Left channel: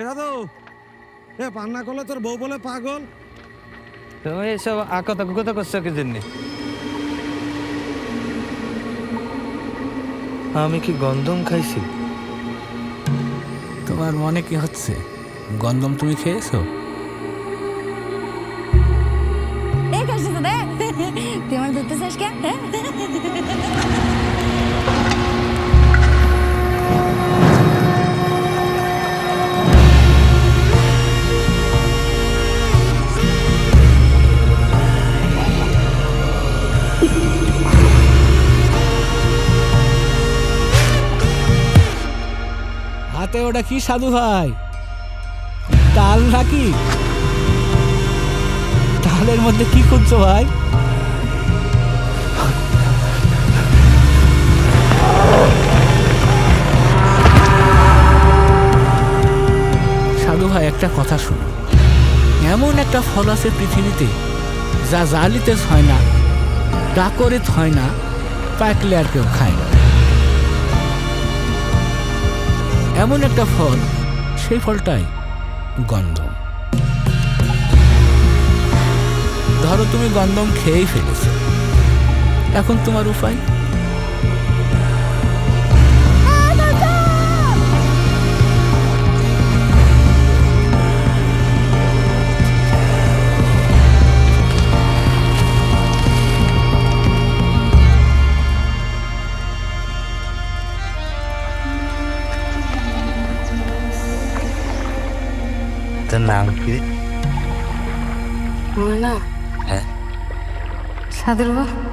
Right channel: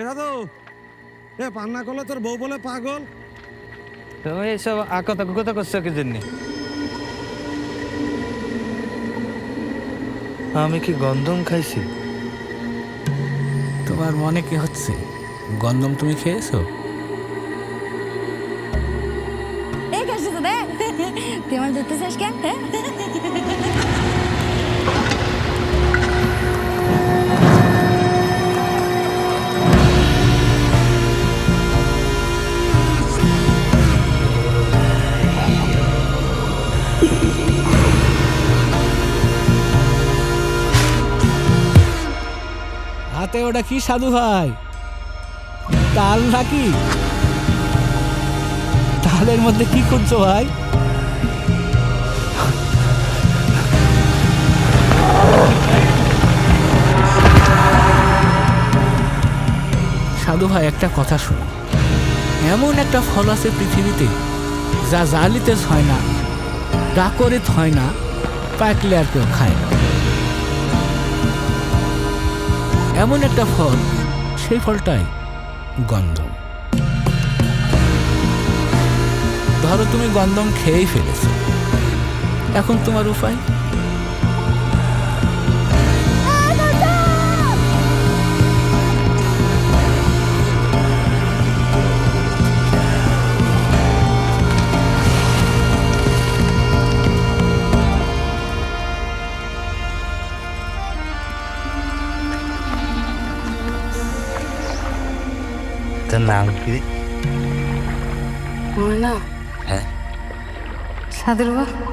এটা তো পান্না করলে তোর বউ বলে পাগল। তুমি এসব আকতা কুকতা করছো কি জন্যে? আমি কি গন্ধম খাইছি? তোমার মনে কি হচ্ছে? গন্ধম তুমি খেয়েছো? এই কাজটা তো দেখ, তুই আমার ধরতে চাস কেন? হাতে ওটা কি সাধু ভাই? তাল নাকি? তালের মধ্যে কি খুঁজছো ভাই? সাধু ভাই একটা কথা শুনো, এমন একটা ফল আছে পৃথিবীতে যা জালিতে হয় না, ডাকরে হয় না, পাকলে আর কেউ খায় না। এমন একটা ফল, সেই ফলটাই গন্ধম। ধরো তুমি গন্ধম খেয়েই ফেলেছো, এখন তোমার উপায়? তোর নাম কি? আমার না হ্যাঁ, সাধুর বাবা।